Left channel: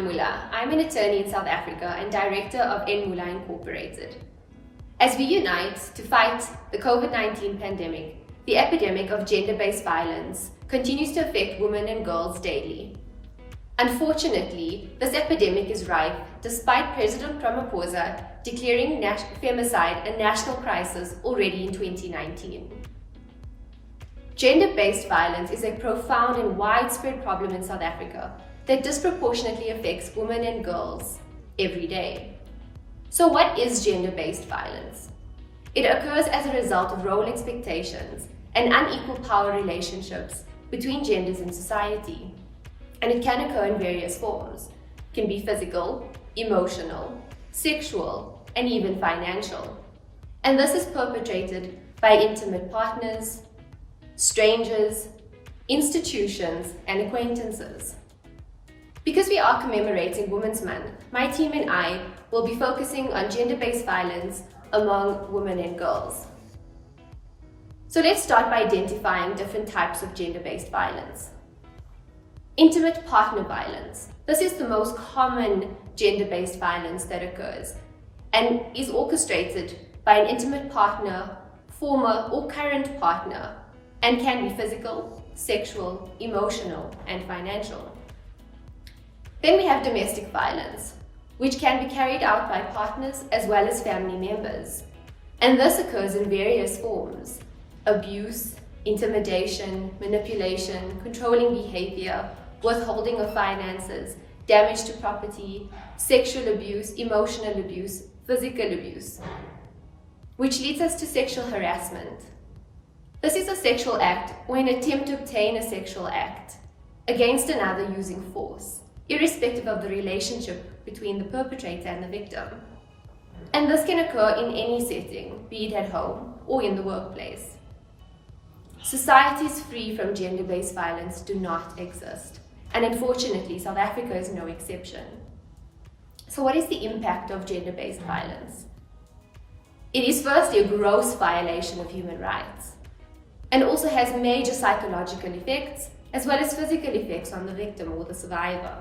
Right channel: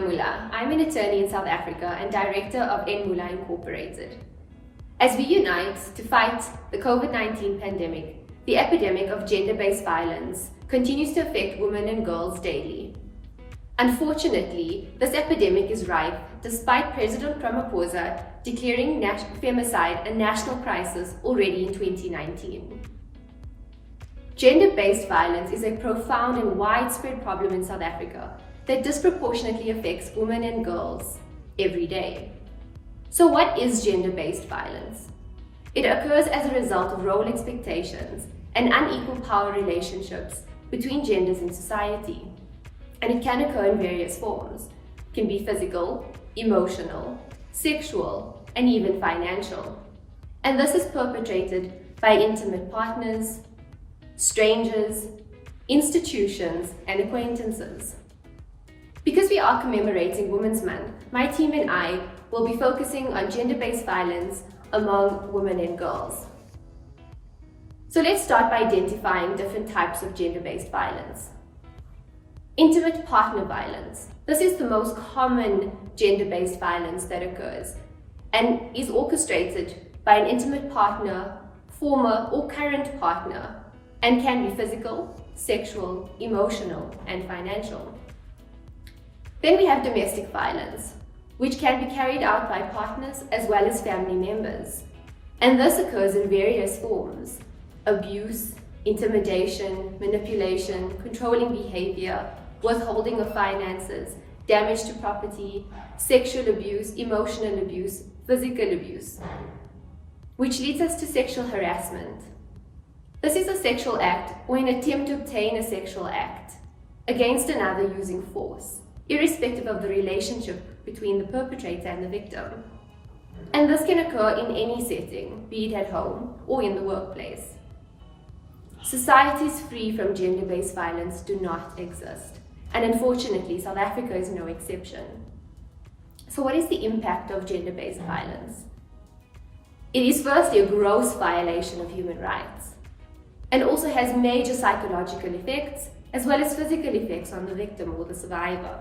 Nabeela Moola. I'm an attorney in South Africa and director of NMoola Incorporated. As we unite to fight the COVID-19 pandemic, the epidemic of gender-based violence continues to affect women and girls daily. Unfortunately, this epidemic is rife despite President Ramaphosa declaring femicide a national crisis already in 2019. Gender-based violence is a profound and widespread problem in South Africa that disproportionately affects women and girls every day. So what is gender-based violence? It occurs as a result of role expectations and unequal power relationships between genders in society. And it can occur in various forms. It can be physical, emotional, sexual, and even financial. And this is perpetrated by intimate partners, strangers, institutions, and acquaintances. Because we are commemorating Women's Month, my team and I will be focusing on gender-based violence among women and girls. So let's start by identifying different types of gender-based violence. Intimate partner violence. This is the most common gender-based violence that occurs and is orchestrated by an intimate partner, former or current partner, and can be physical, sexual, emotional, and financial. Then we have domestic violence, which can be carried out by partners as well as family members. And this occurs in various forms: abuse, intimidation, manipulation, controlling behavior, withholding of finances, damage to property, sexual abuse, emotional abuse, physical abuse, which leads us to sexual harassment. This is a sexual act or an attempt to obtain a sexual act against another using force, irrespective of the relationship between the perpetrator and the victim. And this can occur in any setting, be it at home or in the workplace. Societies free from gender-based violence do not exist. And unfortunately, South Africa is no exception. So what is the impact of gender-based violence? It is firstly a gross violation of human rights and also has major psychological effects as well as physical effects on the victim or the survivor.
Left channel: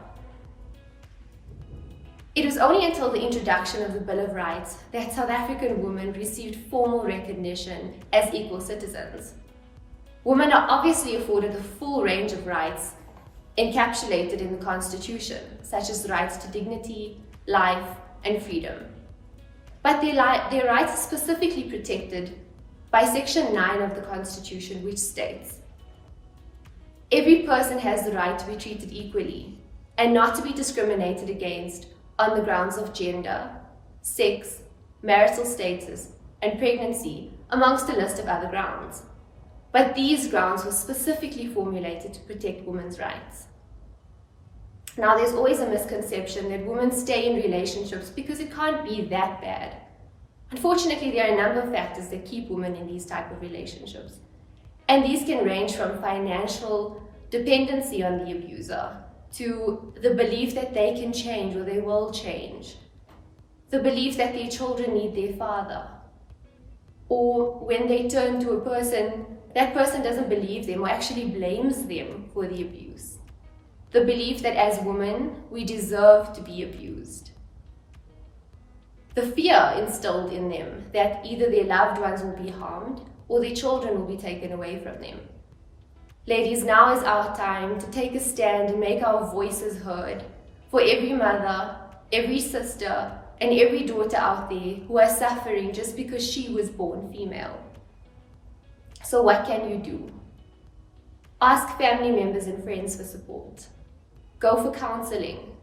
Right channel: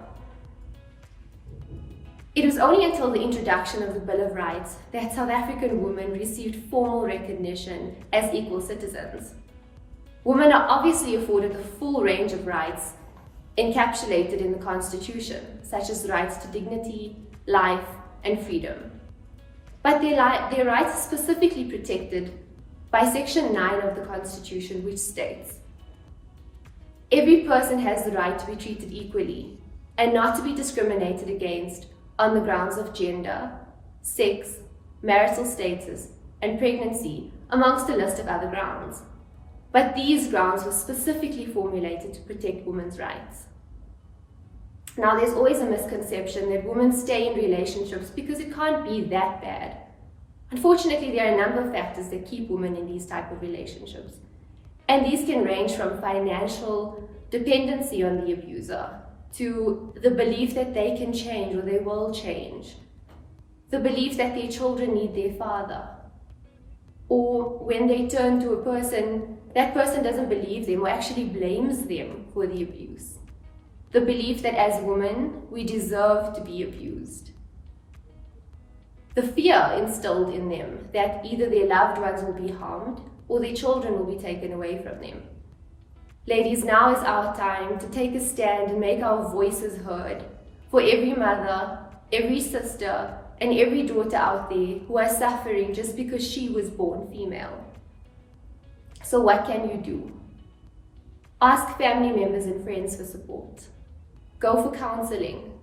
It was only until the introduction of the Bill of Rights that South African women received formal recognition as equal citizens. Women are obviously afforded the full range of rights encapsulated in the Constitution, such as the rights to dignity, life, and freedom. But their rights are specifically protected by Section 9 of the Constitution, which states, "Every person has the right to be treated equally and not to be discriminated against on the grounds of gender, sex, marital status, and pregnancy, amongst a list of other grounds." But these grounds were specifically formulated to protect women's rights. Now, there's always a misconception that women stay in relationships because it can't be that bad. Unfortunately, there are a number of factors that keep women in these type of relationships. And these can range from financial dependency on the abuser to the belief that they can change or they will change, the belief that their children need their father, or when they turn to a person, that person doesn't believe them or actually blames them for the abuse. The belief that as women, we deserve to be abused. The fear instilled in them that either their loved ones will be harmed or their children will be taken away from them. Ladies, now is our time to take a stand and make our voices heard for every mother, every sister, and every daughter out there who are suffering just because she was born female. So what can you do? Ask family members and friends for support. Go for counseling.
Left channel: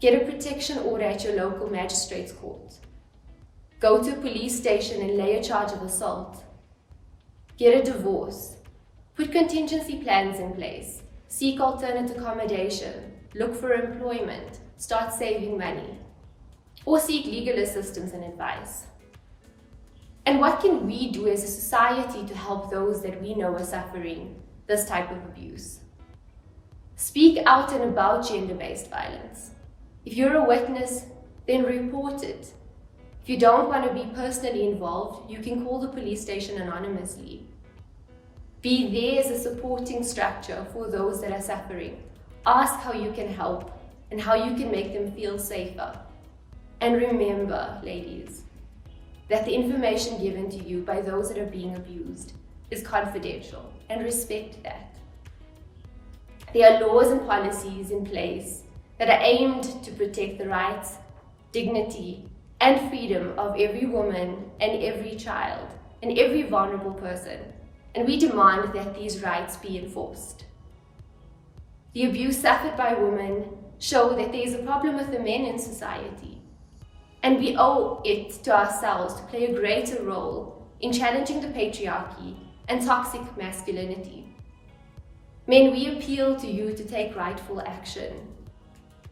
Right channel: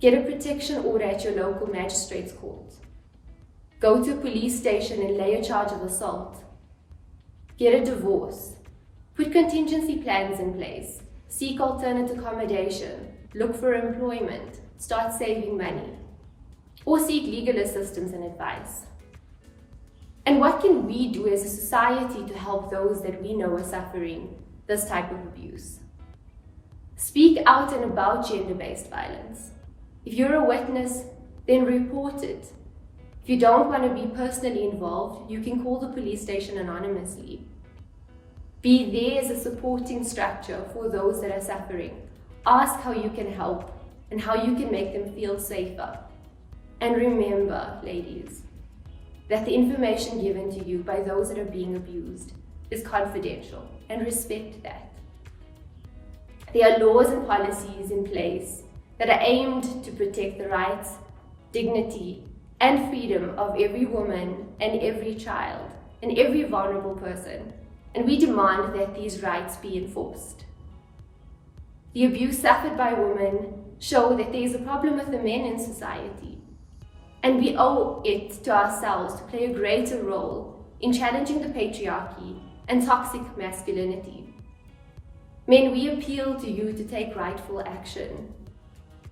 Get a protection order at your local magistrate's court. Go to a police station and lay a charge of assault. Get a divorce. Put contingency plans in place. Seek alternate accommodation. Look for employment. Start saving money. Or seek legal assistance and advice. And what can we do as a society to help those that we know are suffering this type of abuse? Speak out and about gender-based violence. If you're a witness, then report it. If you don't want to be personally involved, you can call the police station anonymously. Be there as a supporting structure for those that are suffering. Ask how you can help and how you can make them feel safer. And remember, ladies, that the information given to you by those that are being abused is confidential, and respect that. There are laws and policies in place that are aimed to protect the rights, dignity, and freedom of every woman and every child and every vulnerable person, and we demand that these rights be enforced. The abuse suffered by women show that there is a problem with the men in society, and we owe it to ourselves to play a greater role in challenging the patriarchy and toxic masculinity. Men, we appeal to you to take rightful action.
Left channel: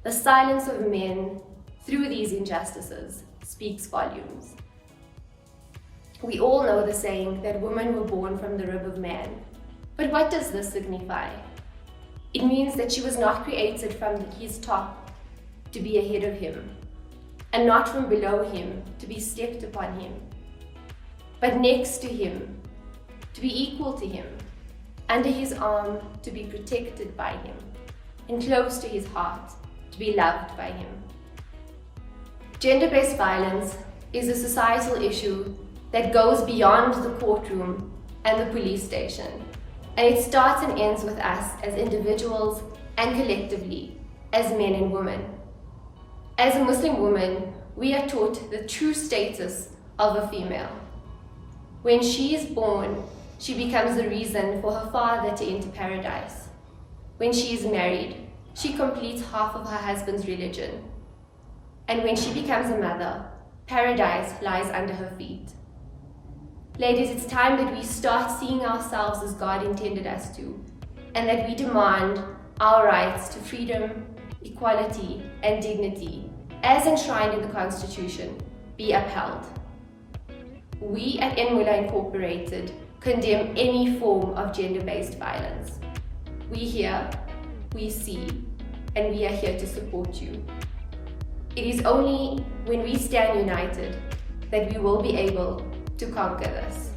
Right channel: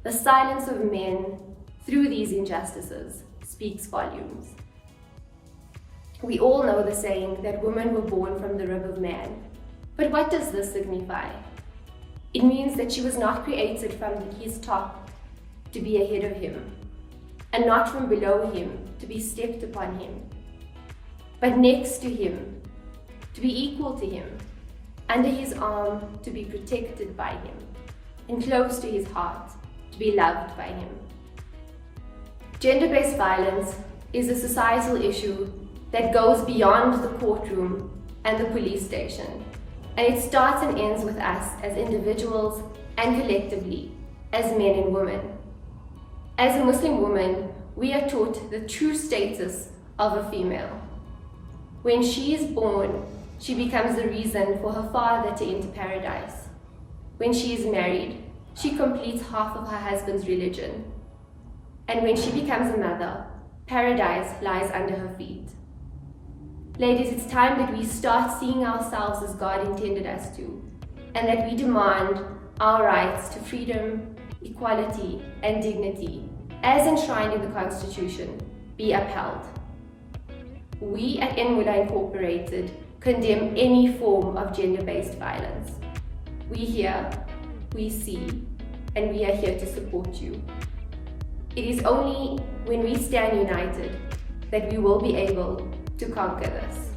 The silence of men through these injustices speaks volumes. We all know the saying that women were born from the rib of man. But what does this signify? It means that she was not created from his top to be ahead of him, and not from below him to be stepped upon him, but next to him, to be equal to him, under his arm to be protected by him, and close to his heart to be loved by him. Gender-based violence is a societal issue that goes beyond the courtroom and the police station, and it starts and ends with us as individuals and collectively as men and women. As a Muslim woman, we are taught the true status of a female. When she is born, she becomes the reason for her father to enter paradise. When she is married, she completes half of her husband's religion. And when she becomes a mother, paradise lies under her feet. Ladies, it's time that we start seeing ourselves as God intended us to, and that we demand our rights to freedom, equality, and dignity, as enshrined in the Constitution, be upheld. We at NMoola Incorporated condemn any form of gender-based violence. We hear, we see, and we are here to support you. It is only when we stand united that we will be able to conquer this.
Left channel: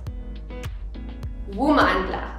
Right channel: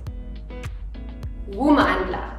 Woomandla.